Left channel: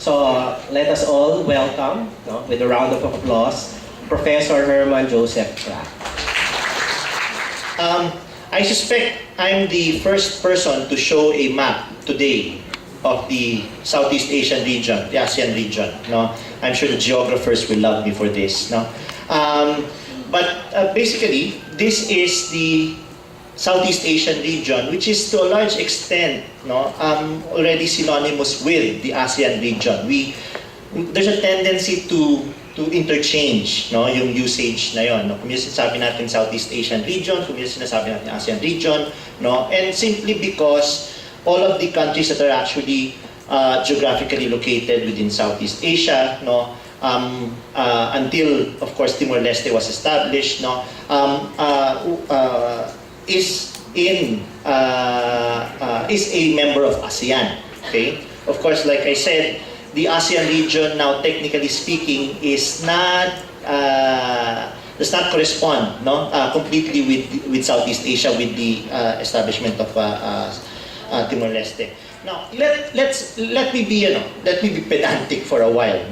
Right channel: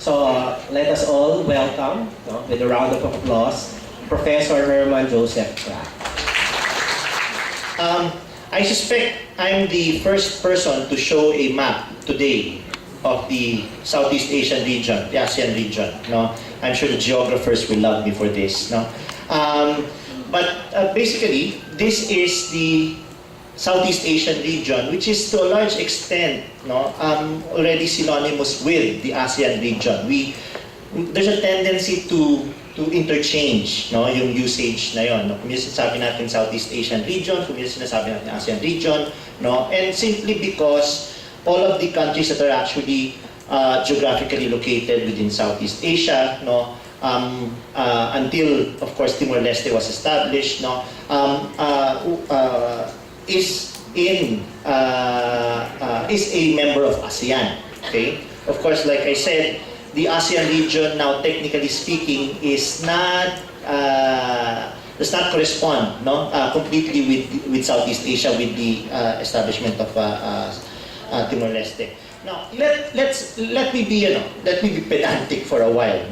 So let us all welcome, with a round of applause, Professor Herman Joseph Kraft. I suspect I'm the first person to show a map today of the Southeast Asian region, the ASEAN region. No, I'm sure the geographers will love me for this. No, basically, this is the Southeast Asian region, which is to a large extent, already synonymous with the ASEAN region. There's a tendency to interchange, yung usage na yon. Kung minsan sabi natin Southeast Asian region, kung minsan sinasabi natin ASEAN region, and simply because all of the countries that are actually geographically located within Southeast Asia, until, of course, Timor-Leste was established, is a member of ASEAN. Okay? Of course, like I said, the ASEAN region now, technically speaking, does not correspond, completely with Southeast Asia, with the establishment of Timor-Leste. Now, let me be pedantic for a while,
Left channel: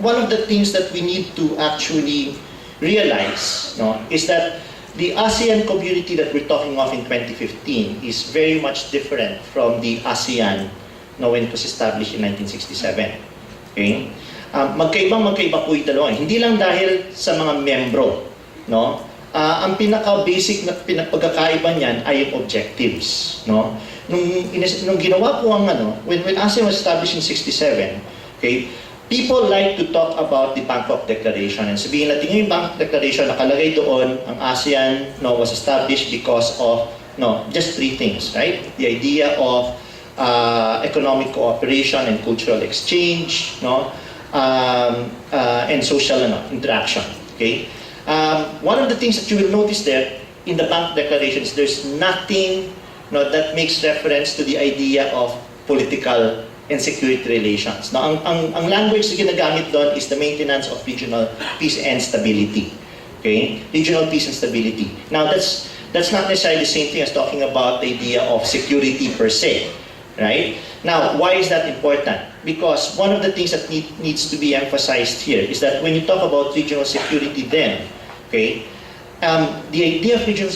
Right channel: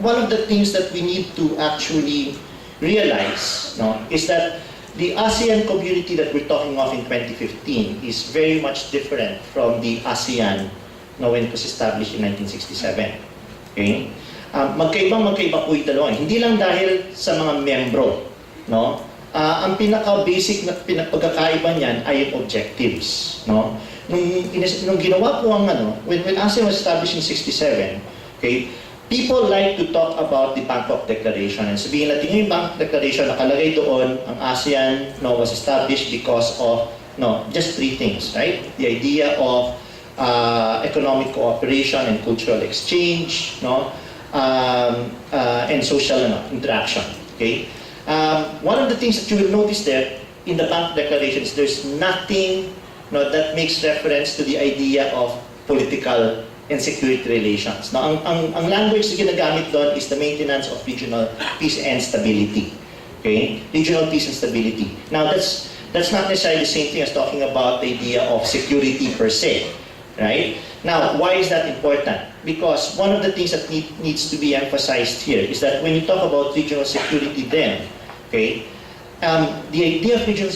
one of the things that we need to actually realize, is that the ASEAN community that we're talking of in 2015 is very much different from the ASEAN when it was established in 1967. Okay? Magkaiba po ito dalawa. Hindi lang dahil sa mga membro. Ang pinaka-basic na pagkakaiba niyan ay yung objectives. Nung ginawa po when ASEAN was established in 67, okay, people like to talk about the Bangkok Declaration. And sabihin natin yung Bangkok Declaration, nakalagay doon, ang ASEAN was established because of just three things, right? The idea of economic cooperation and cultural exchange, and social interaction. Okay. One of the things that you will notice there in the Bangkok Declaration is there's nothing that makes reference to the idea of political and security relations. Now, ang language na ginagamit doon is the maintenance of regional peace and stability. Okay, regional peace and stability. Now, that's not necessarily the same thing as talking about the idea of security per se. Right? Now, why is that important? Because one of the things that needs to be emphasized here is that when you talk about regional security then, okay, the idea of regional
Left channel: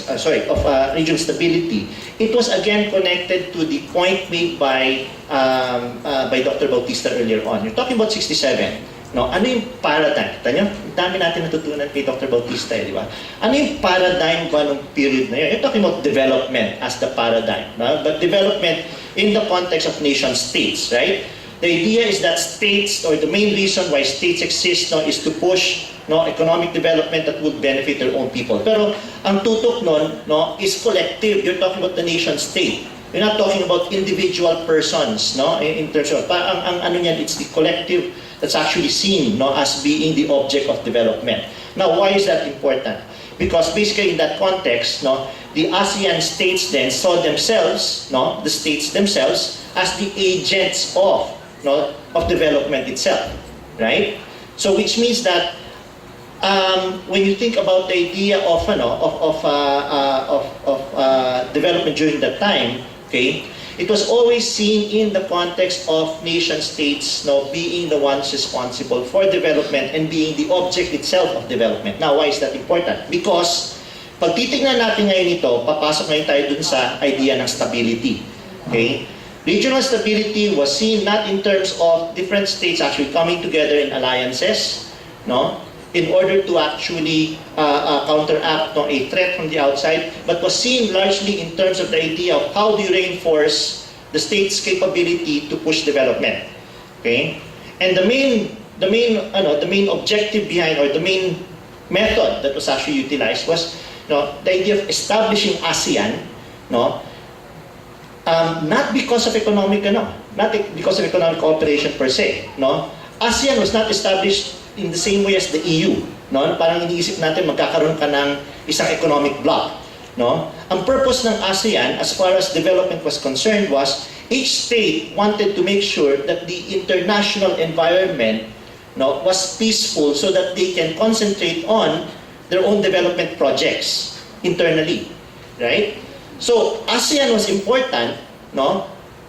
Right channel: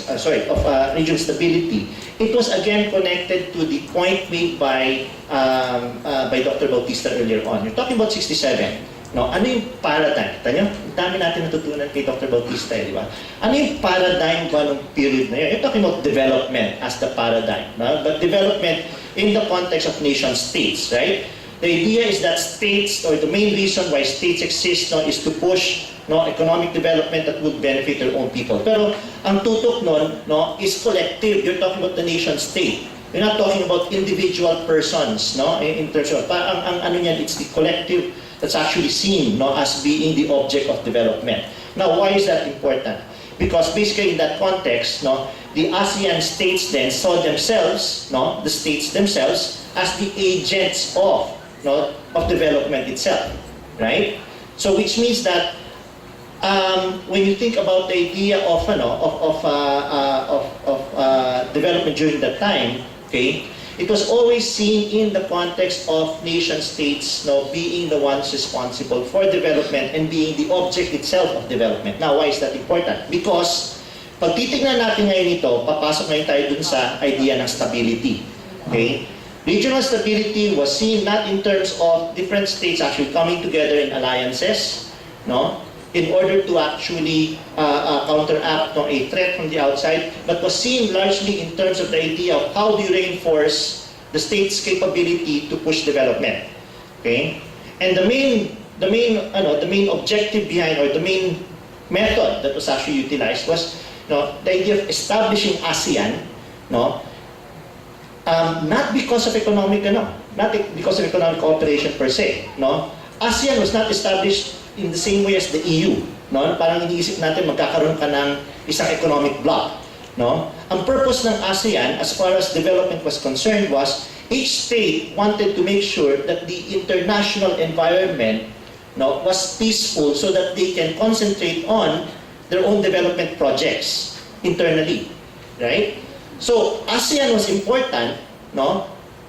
stability, it was again connected to the point made by Dr. Bautista earlier on. You're talking about 67. Ano yung paradigm? Ang dami natin natutunan kay Dr. Bautista, di ba? Ano yung paradigm ba ng period na yun? You're talking about development as the paradigm. But development in the context of nation states, right? The idea is that states, or the main reason why states exist is to push economic development that would benefit their own people. Pero ang tutok nun is collective. You're talking about the nation state. You're not talking about individual persons, in terms of, it's the collective that's actually seen as being the object of development. Now, why is that important? Because basically in that context, the ASEAN states then saw themselves, the states themselves, as the agents of development itself, right? So which means that when you think about the idea of development during that time, okay, it was always seen in the context of nation states being the ones responsible for development and being the object itself of development. Now, why is that important? Because pag titignan natin ngayon ito, papasok ngayon tayo dun sa idea ng stability. Okay? Regional stability was seen not in terms of different states actually coming together in alliances, in order to actually counteract a threat from the outside, but was seen largely in terms of the idea of how do you reinforce the state's capability to push development. Okay, and the main objective behind, or the main method that was actually utilized was the idea of establishing ASEAN, not because of economic cooperation per se. ASEAN was not established in the same way as the EU. Parang iniisip natin magkakaroon ka ng isang economic bloc. Ang purpose ng ASEAN as far as development was concerned was each state wanted to make sure that the international environment was peaceful so that they can concentrate on their own development projects internally. Right? So ASEAN was important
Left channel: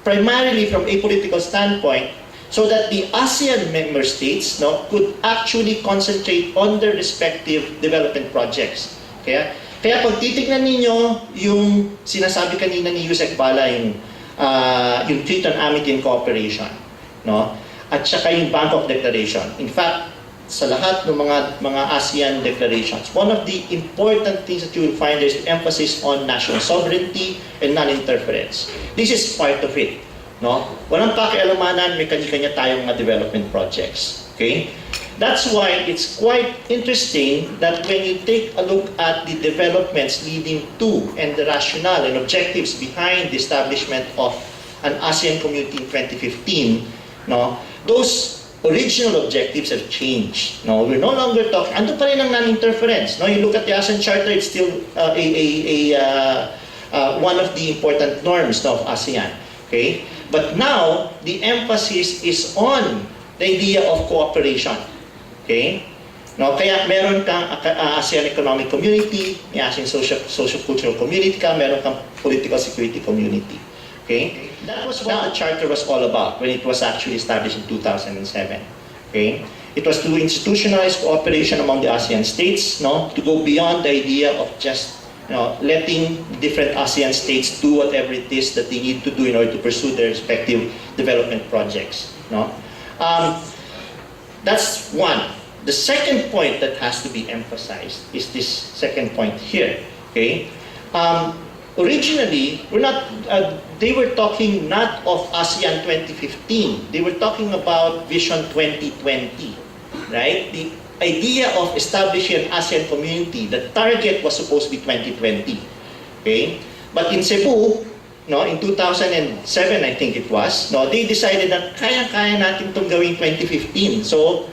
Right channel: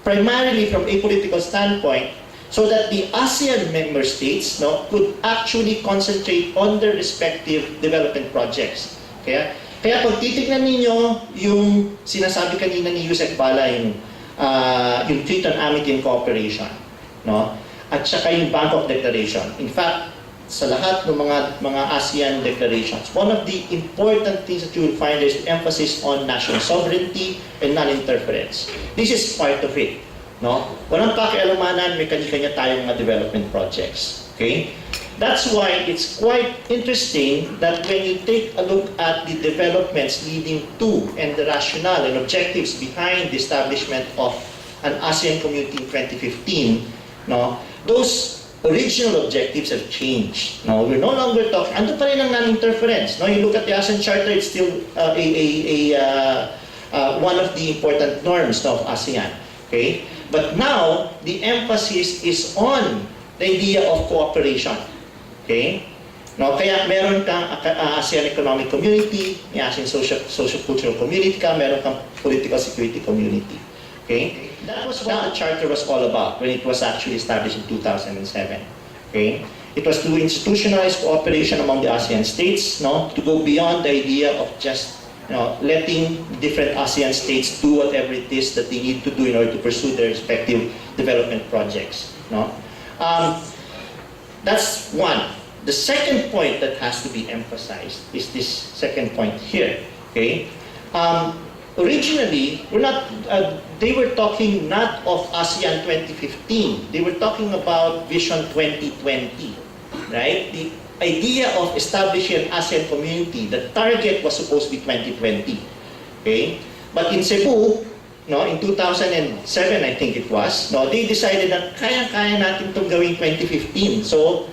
primarily from a political standpoint, so that the ASEAN member states, no, could actually concentrate on their respective development projects. Kaya pag titignan ninyo yung sinasabi kanina ni Yusek Bala, yung Treaty on Amity and Cooperation, no? At saka yung Bangkok Declaration. In fact, sa lahat ng mga ASEAN declarations, one of the important things that you will find is the emphasis on national sovereignty and non-interference. This is part of it, no? Walang pakialamanan, may kanya-kanya tayong mga development projects. Okay? That's why it's quite interesting that when you take a look at the developments leading to and the rationale and objectives behind the establishment of an ASEAN Community in 2015, no, those original objectives have changed. No, we're no longer talking. Ando pa rin ang non-interference. No, you look at the ASEAN Charter; it's still one of the important norms of ASEAN. Okay, but now the emphasis is on the idea of cooperation. Okay? No, kaya meron kang ASEAN Economic Community, may ASEAN Social Cultural Community ka, meron kang Political Security Community. Okay? That was what the Charter was all about when it was actually established in 2007. Okay? It was to institutionalize cooperation among the ASEAN states, no, to go beyond the idea of just, you know, letting different ASEAN states do whatever it is that they need to do in order to pursue their respective development projects. No? That's one. The second point that has to be emphasized is this second point here. Okay, originally they were talking not of ASEAN 2015. They were talking about Vision 2020, right? The idea of establishing an ASEAN community. The target was supposed to be 2020. Okay, but in Cebu, no, in 2007, I think it was, no, they decided that kaya-kaya natin itong gawing 2015. So,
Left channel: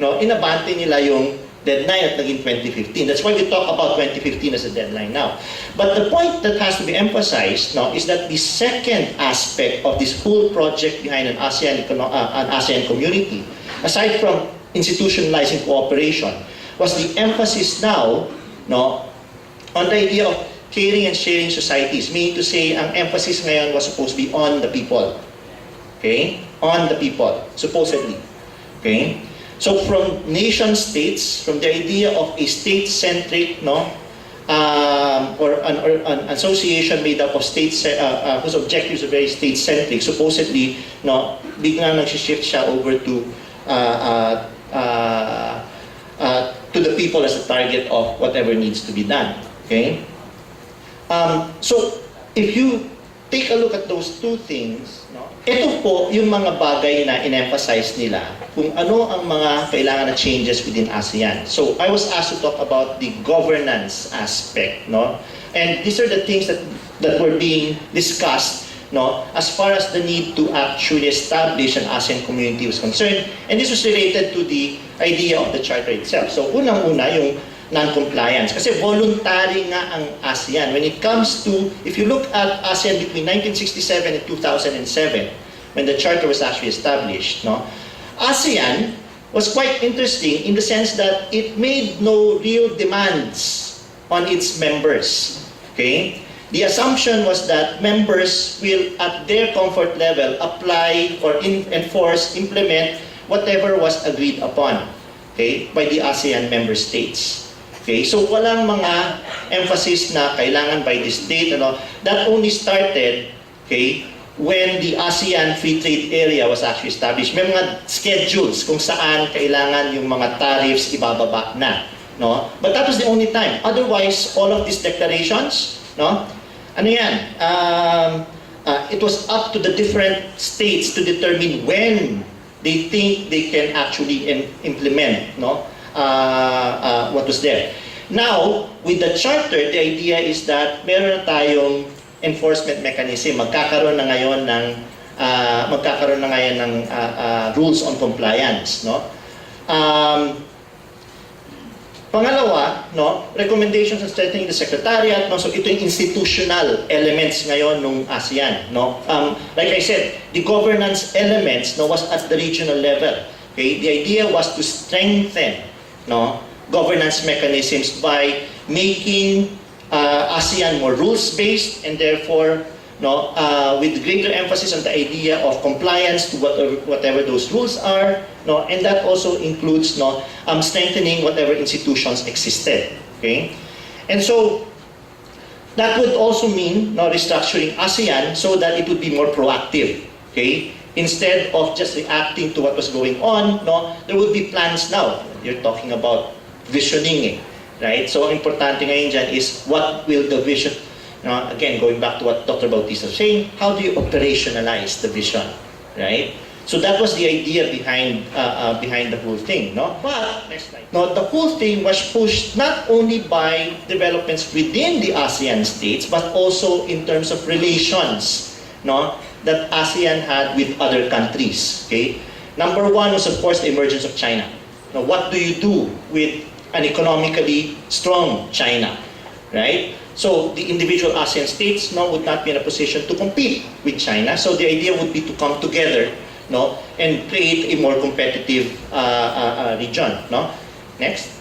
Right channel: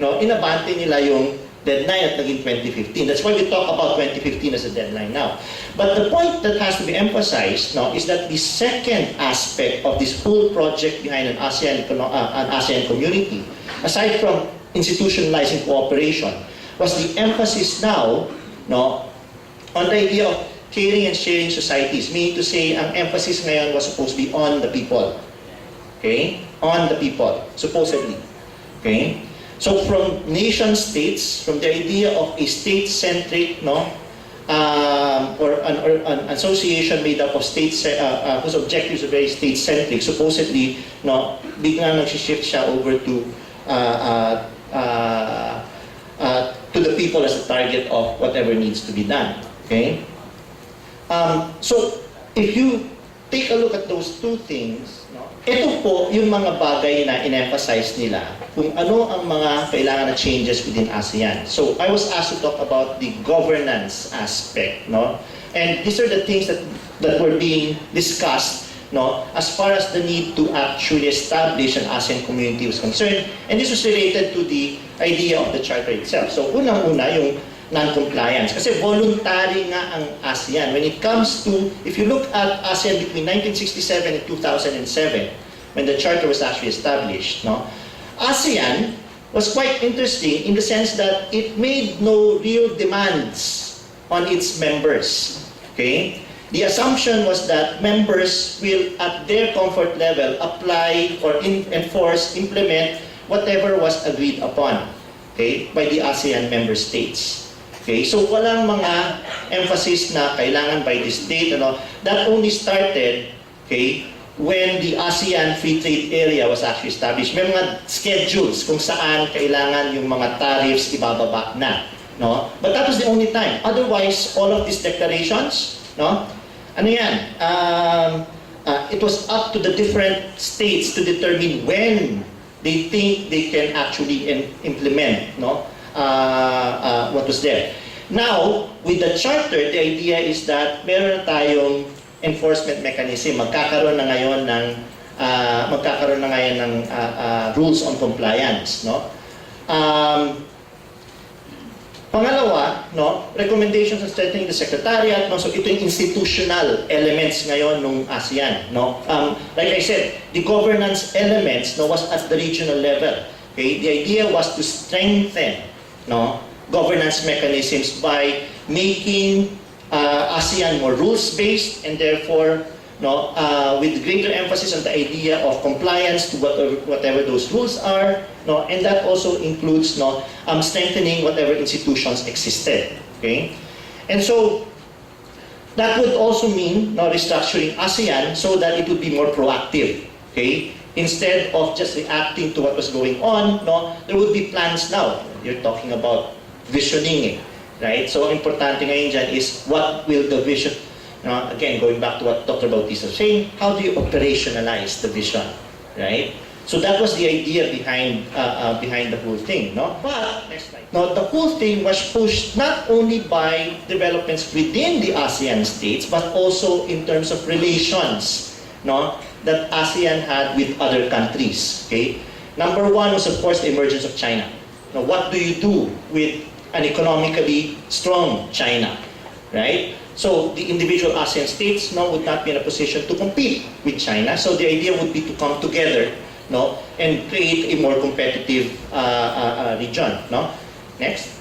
no, inabante nila yung deadline at naging 2015. That's why we talk about 2015 as a deadline now. But the point that has to be emphasized, no, is that the second aspect of this whole project behind an ASEAN community, aside from institutionalizing cooperation, was the emphasis now, no, on the idea of caring and sharing societies, meaning to say, ang emphasis ngayon was supposed to be on the people. Okay? On the people, supposedly. Okay? So from nation states, from the idea of a state-centric, no, or an association made up of states whose objectives are very state-centric, supposedly, no, biglang nag-shift siya over to the people as a target of whatever needs to be done. Okay? So, if you take a look at those two things, no, ito po yung mga bagay na in-emphasize nila kung ano ang mga kailangan na changes within ASEAN. So, I was asked to talk about the governance aspect, no? And these are the things that were being discussed, no, as far as the need to actually establish an ASEAN community was concerned. And this was related to the idea of the Charter itself. So, unang-una yung non-compliance. Kasi voluntary nga ang ASEAN. When it comes to, if you look at ASEAN between 1967 and 2007, when the Charter was actually established, no, ASEAN was quite interesting in the sense that it made no real demands on its members. Okay? The assumption was that members will, at their comfort level, apply or enforce, implement whatever was agreed upon, okay, by the ASEAN member states. Okay, so walang mga emphasis na kailangan by this date, ano. That only started, okay, when the ASEAN Free Trade Area was actually established. May mga schedules kung saan kailangan yung mga tariffs ibababa na, no? But that was the only time. Otherwise, all of these declarations, no? Ano yan? It was up to the different states to determine when they think they can actually implement, no, what was there. Now, with the Charter, the idea is that meron tayong enforcement mechanism. Magkakaroon na ngayon ng rules on compliance, no? Pangalawa, no, recommendations on strengthening the secretariat, no? So ito yung institutional elements ngayon ng ASEAN, no? Like I said, the governance elements, no, was at the regional level. Okay? The idea was to strengthen, no, governance mechanisms by making ASEAN more rules-based and therefore no, with greater emphasis on the idea of compliance to whatever those rules are, no, and that also includes, no, strengthening whatever institutions existed. Okay, and so that would also mean, no, restructuring ASEAN so that it would be more proactive. Okay, instead of just reacting to what was going on, no, there would be plans now. You're talking about visioning, right? So ang importante ngayon dyan is what will the vision. Again, going back to what Dr. Bautista was saying, how do you operationalize the vision, right? So that was the idea behind behind the whole thing, no? But next slide. No, the whole thing was pushed not only by developments within the ASEAN states, but also in terms of relations, no, that ASEAN had with other countries. Okay, number one was of course the emergence of China. Now, what do you do with an economically strong China, right? So the individual ASEAN states now would not be in a position to compete with China. So the idea would be to come together, no, and create a more competitive region. No, next.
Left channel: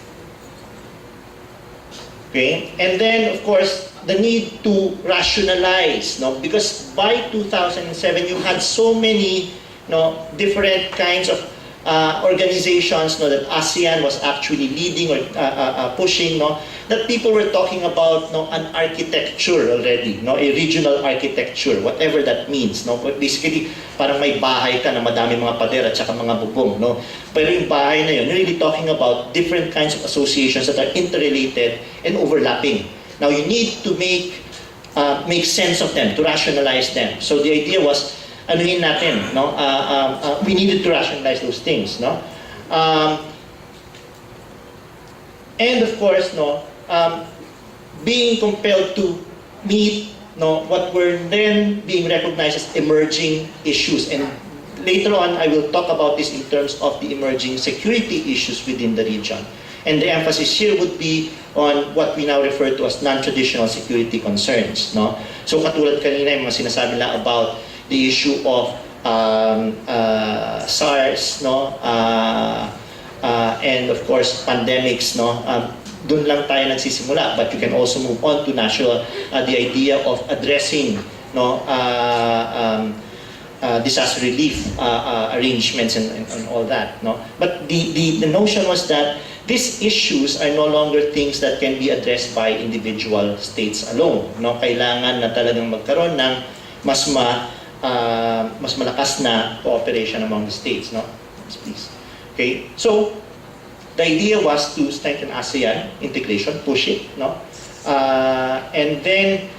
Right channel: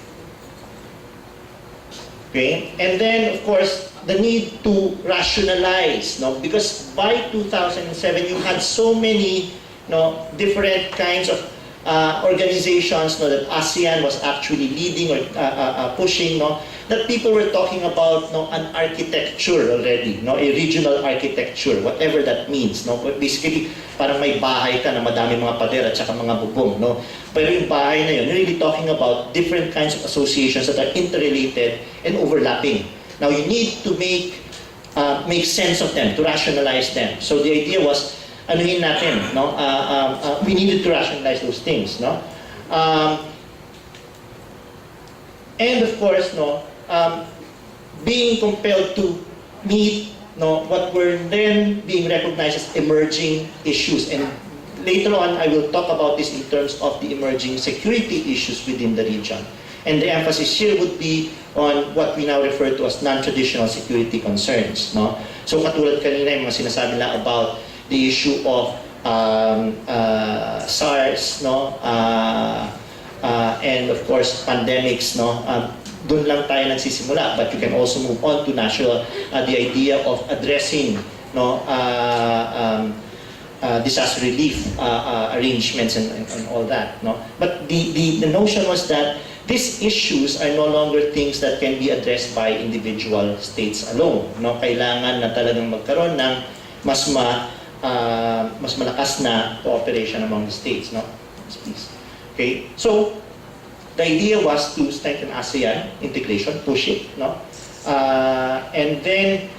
Okay, and then of course the need to rationalize, no, because by 2007 you had so many, no, different kinds of organizations, no, that ASEAN was actually leading or pushing, no, that people were talking about, no, an architecture already, no, a regional architecture, whatever that means, no. But basically, parang may bahay ka na madami mga pader at saka mga bubong, no. Pero yung bahay na yun, you're really talking about different kinds of associations that are interrelated and overlapping. Now, you need to make sense of them, to rationalize them. So the idea was, anuhin natin, no? We needed to rationalize those things, no? And of course, no, being compelled to meet, no, what were then being recognized as emerging issues. And later on, I will talk about this in terms of the emerging security issues within the region. And the emphasis here would be on what we now refer to as non-traditional security concerns, no? So katulad kanina yung mga sinasabi na about the issue of SARS, no, and of course pandemics, no. Doon lang tayo nagsisimula, but you can also move on to national, the idea of addressing, no, disaster relief arrangements and all that, no. But the notion was that these issues are no longer things that can be addressed by individual states alone, no. Kailangan na talagang magkaroon ng mas malakas na cooperation among the states, no. Please. Okay, so the idea was to strengthen ASEAN integration, push it, no, and then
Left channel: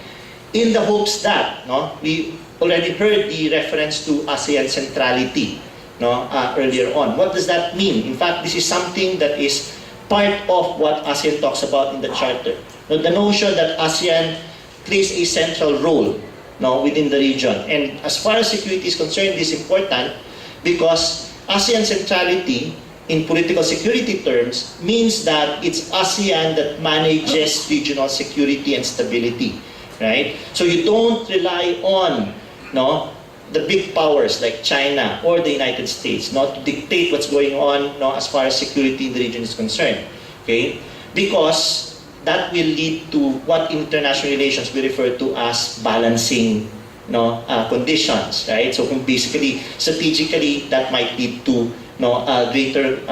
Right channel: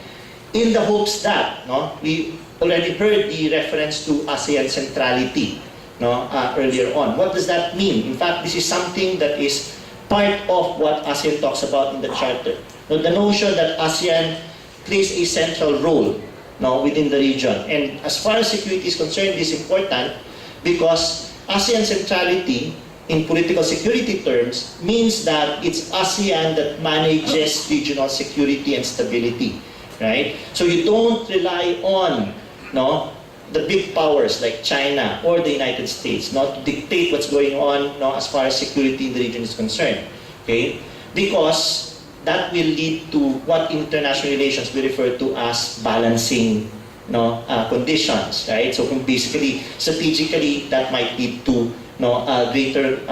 in the hopes that, no, we already heard the reference to ASEAN centrality, no, earlier on. What does that mean? In fact, this is something that is part of what ASEAN talks about in the Charter. Now, the notion that ASEAN plays a central role, no, within the region. And as far as security is concerned, this is important because ASEAN centrality in political security terms means that it's ASEAN that manages regional security and stability, right? So you don't rely on, no, the big powers like China or the United States, not to dictate what's going on, no, as far as security in the region is concerned, okay? Because that will lead to what in international relations we refer to as balancing, no, conditions, right? So kung basically, strategically, that might lead to, no, greater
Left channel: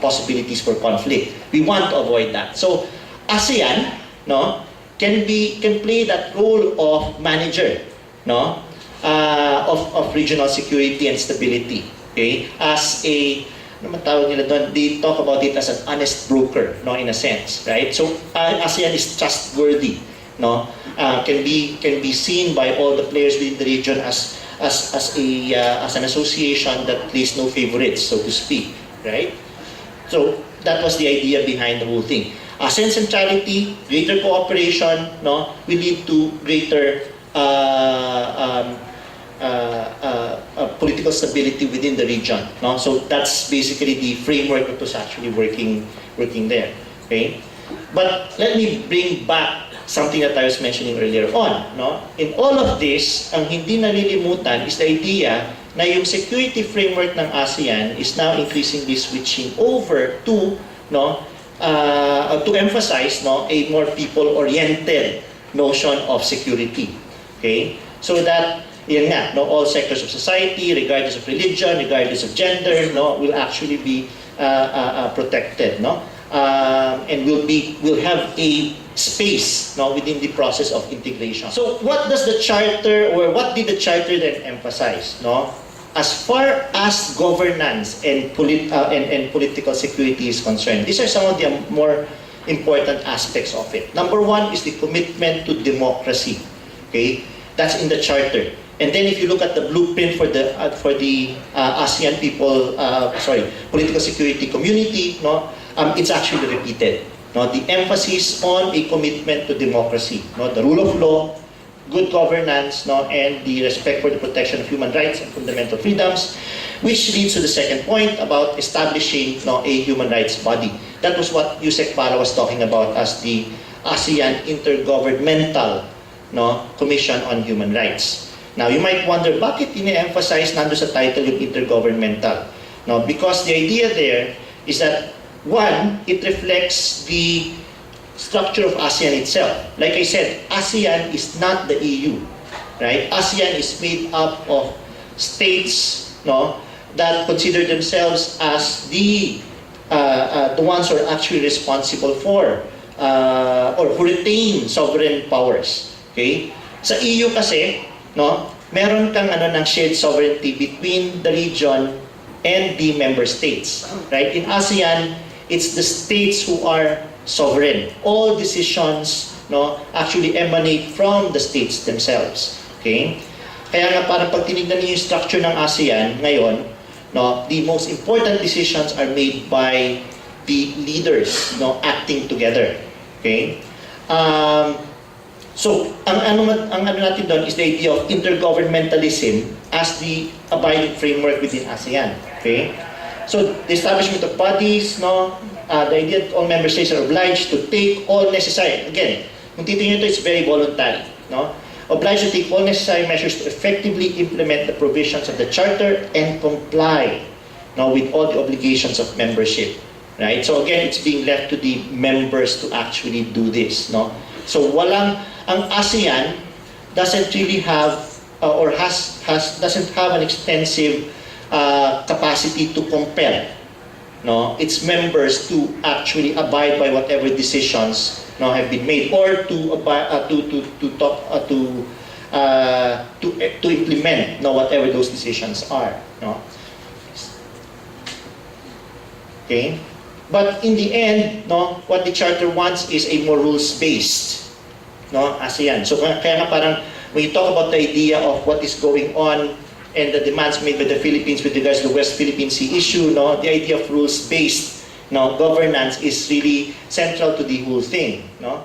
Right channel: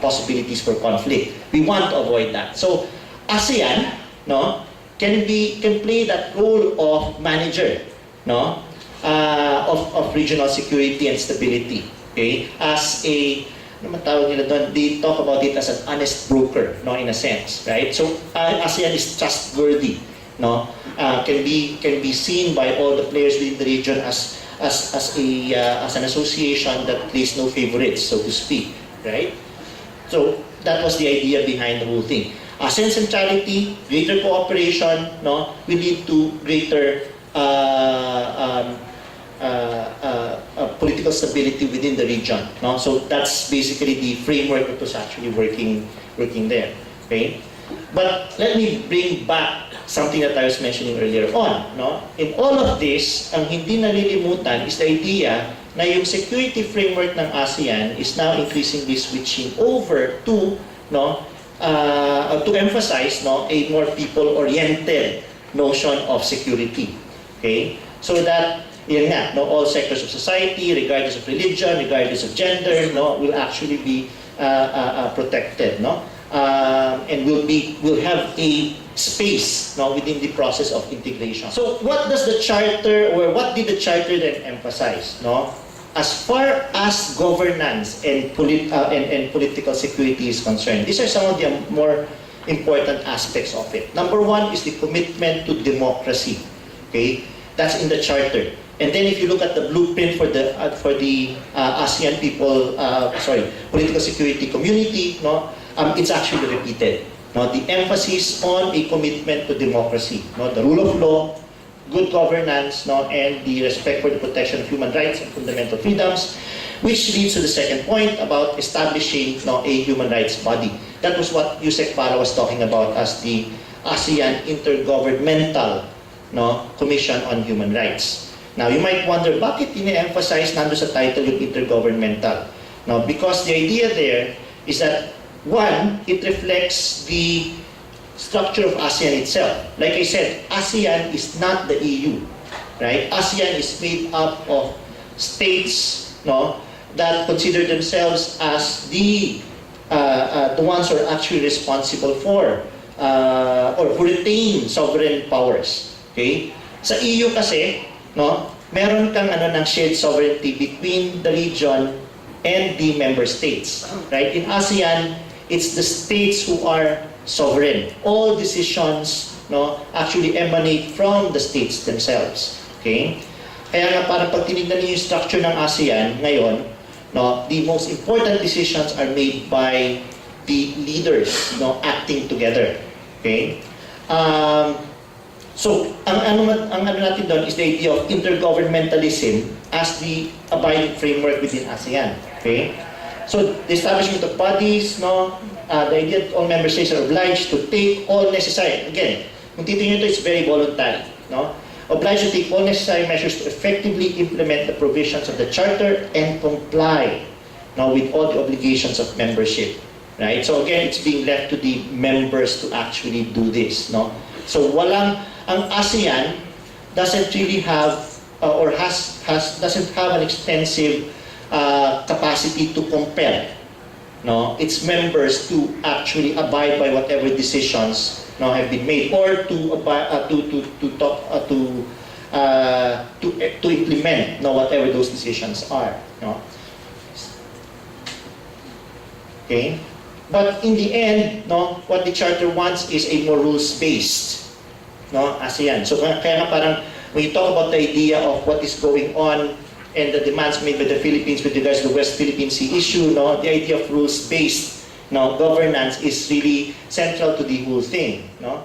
possibilities for conflict. We want to avoid that. So ASEAN, no, can play that role of manager, no, of regional security and stability, okay? As a, ano man tawag nila doon, they talk about it as an honest broker, no, in a sense, right? So ASEAN is trustworthy, no, can be seen by all the players within the region as an association that plays no favorites, so to speak, right? So that was the idea behind the whole thing. ASEAN centrality, greater cooperation, no, will lead to greater political stability within the region, no. So that's basically the framework that was actually working there, okay. But let me bring back something that I was mentioning earlier on, no? In all of this, ang hindi nalilimutan is the idea na yung security framework ng ASEAN is now increasingly switching over to, no, to emphasize, no, a more people-oriented notion of security. Okay? So that, yan nga, no, all sectors of society, regardless of religion, regardless of gender, no, will actually be protected, no? And will have a space, no, within the process of integration. So what does the charter, or what did the charter then emphasize, no? As far as governance and political security is concerned, these are some of the more important aspects of it. Number one is the commitment to democracy. Okay, that's in the charter. And then if you look at the blueprint for the ASEAN political security community, no, it's actually repeated. No, the emphasis on a commitment to democracy, no, the rule of law, good governance, no, and the respect for the protection of human rights and fundamental freedoms, which leads to the second point about establishing, no, a human rights body. That was what Yusek Para was talking about as the ASEAN Intergovernmental, no, Commission on Human Rights. Now, you might wonder, bakit ini-emphasize nando sa title yung intergovernmental? No, because the idea there is that, one, it reflects the structure of ASEAN itself. Like I said, ASEAN is not the EU, right? ASEAN is made up of states, no, that consider themselves as the ones who are actually responsible for or who retain sovereign powers. Okay? Sa EU kasi, no, meron kang ng shared sovereignty between the region and the member states. Right? In ASEAN, it's the states who are sovereign. All decisions, no, actually emanate from the states themselves. Okay? Kaya nga parang pag tinignan niyo yung structure ng ASEAN ngayon, no, the most important decisions are made by the leaders, no, acting together. Okay? So, ang natin doon is the idea of intergovernmentalism as the abiding framework within ASEAN. Okay? So, the establishment of bodies, no, the idea that all member states are obliged to take all necessary, again, kung titingnan ito, it's very voluntary, no? Obliged to take all necessary measures to effectively implement the provisions of the Charter and comply, no, with all the obligations of membership. Right? So again, it's being left to the members to actually do this, no? So ang ASEAN doesn't really have doesn't have an extensive capacity to compel, no, its members to actually abide by whatever decisions, no, have been made, or to implement, no, whatever those decisions are, no. Okay, but in the end, no, what the Charter wants is a more rules-based, no, ASEAN. So kaya nga parang when you talk about the idea of what is going on and the demands made by the Philippines with regards to the West Philippine Sea issue, no, the idea of rules-based, no, governance is really central to the whole thing, no.